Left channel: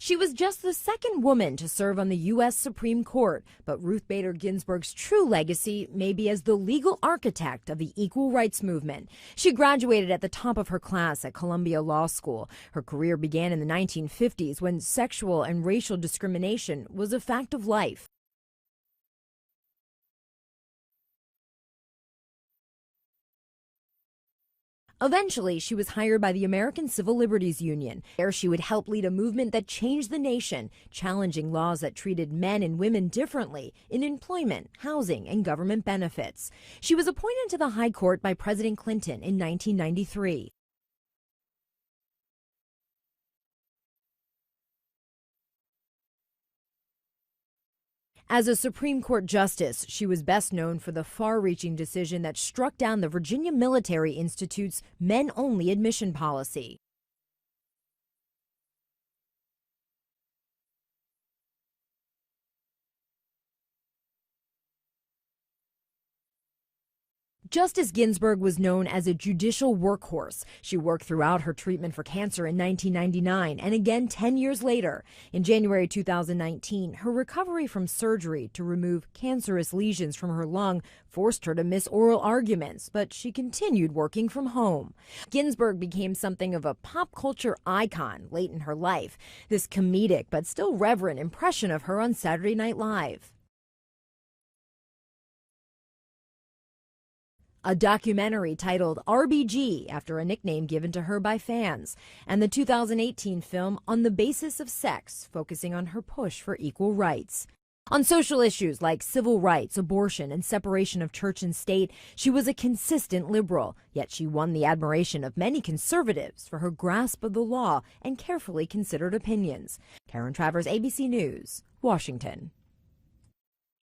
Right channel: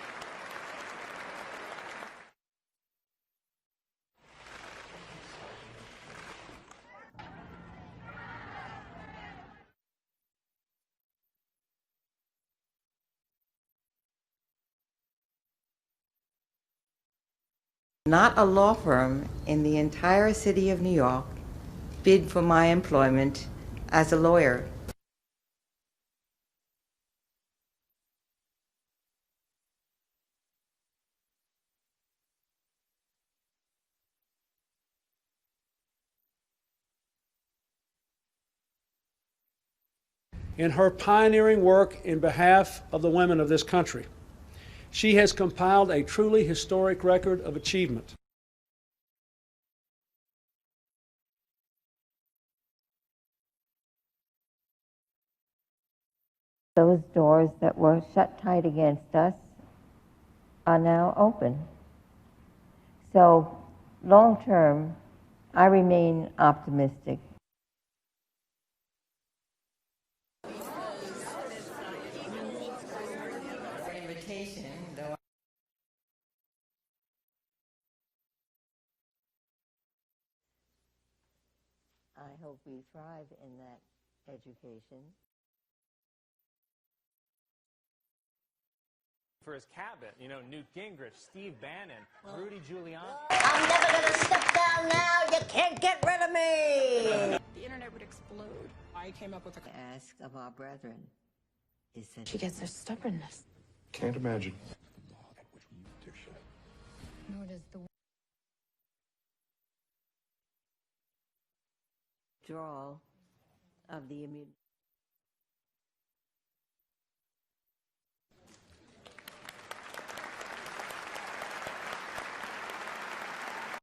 She was just the second woman to serve on the U.S. Supreme Court, but Ruth Bader Ginsburg's true legacy may be as the legal architect of the equal rights movement. She graduated at the top of her class at Columbia Law School. Her career began in the 1950s when sexual and racial discrimination was a fact of life. Not a law firm in the entire city of New York bid for my employment as a lawyer. Eventually, she was hired by the American Civil Liberties Union. There, she would help lead a movement that changed the nation, challenging laws that treated men and women differently in employment, housing, and government benefits. She was appointed to the High Court by President Clinton in 1993. In her pioneering work in behalf of the women of this country, she has compiled a truly historic record of achievement. As a Supreme Court justice, she was best known for the far-reaching decision that struck down the Virginia Military Institute's men-only admission policy. Those doors that were shut tight against us are now open. So, long-term, I remain optimistic. Justice Ginsburg was known as a judicial workhorse. She worked throughout her treatment for cancer in 1999 and again 10 years later. In January 2019, her recovery from surgery to remove cancerous lesions from her lung forced her to miss oral arguments, but she continued working from home. Ginsburg became something of a pop culture icon late in her life. This comedic but still reverent impression of her on Saturday Night Live. I'm never gonna step down now, you can't get rid of me! A documentary titled RBG, after a nickname given to her by fans, and the 2018 film On the Basis of Sex, focusing on her push for equal rights. On social issues like civil rights, abortion, and separation of church and state, she was a consistent liberal, yet she won the admiration of many conservatives for her grasp of the law and carefully considered opinions. Karen Travers, ABC News, Washington.